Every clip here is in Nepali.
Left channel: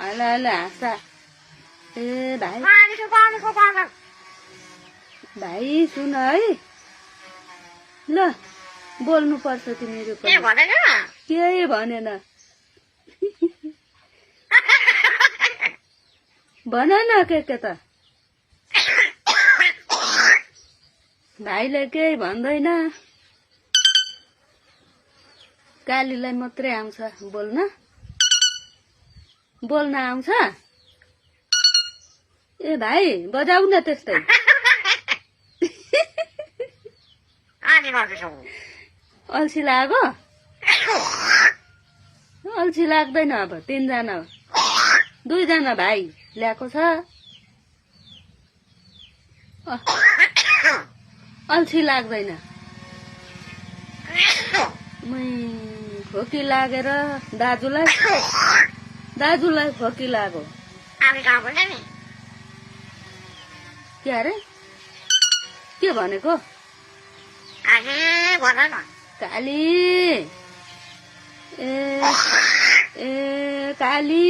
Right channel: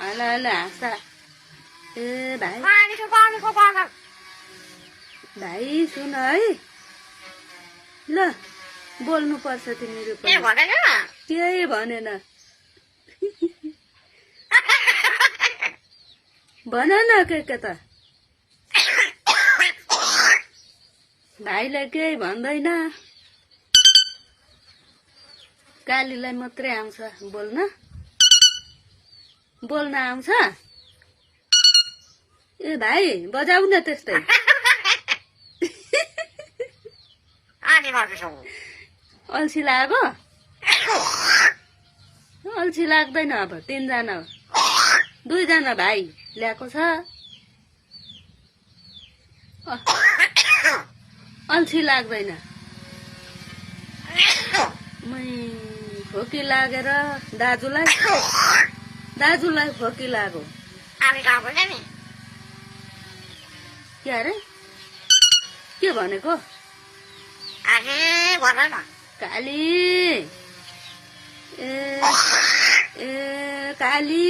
हल हल हाँस्दा ए भाइ भाइ सुन है ल बोल्नु पर्छ तिमीहरू पनि केही भनेन भन न के त भाइले केही भन्दैन कालीलाई मात्रै आउँछ बोल्न आउँछ ए भाइ बजाउ न त्यस्तै अल्छी लाग्यो अल्छी लाग्दैन अब 3 जना 2 जना भाइ ल्याएको छ अल्छी लाग्दैन खोकी लागेर दाजुलाई खोकी लाग्यो के अरे के भनेको काली ए काली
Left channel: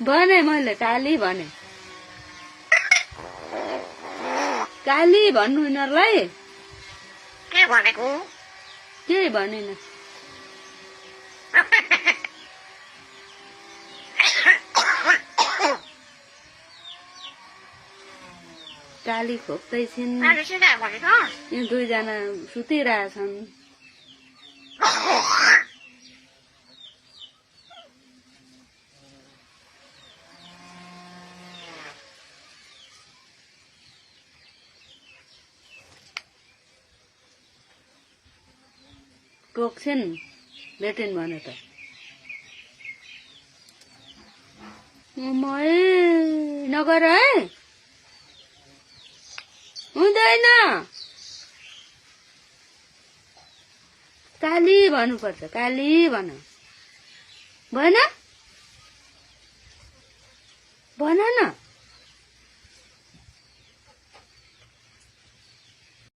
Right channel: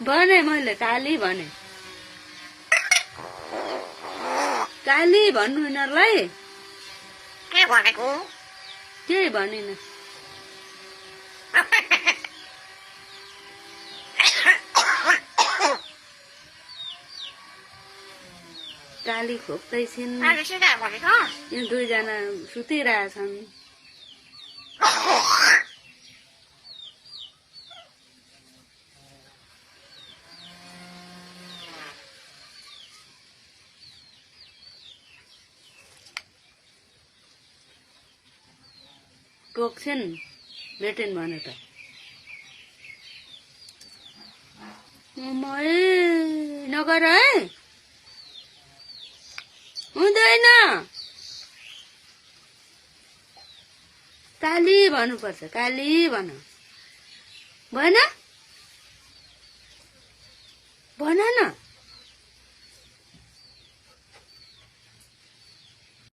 भने मैले काली भने काली भन्नु यिनीहरूलाई के भनेको केही भनिन काली खोक्दैछिन् यहाँ 2 जना सुतिरहेछन् टोक्छन् भेटिन् भने त नगर है हुँदैन काली भन्नुपर्छ काली भन भन न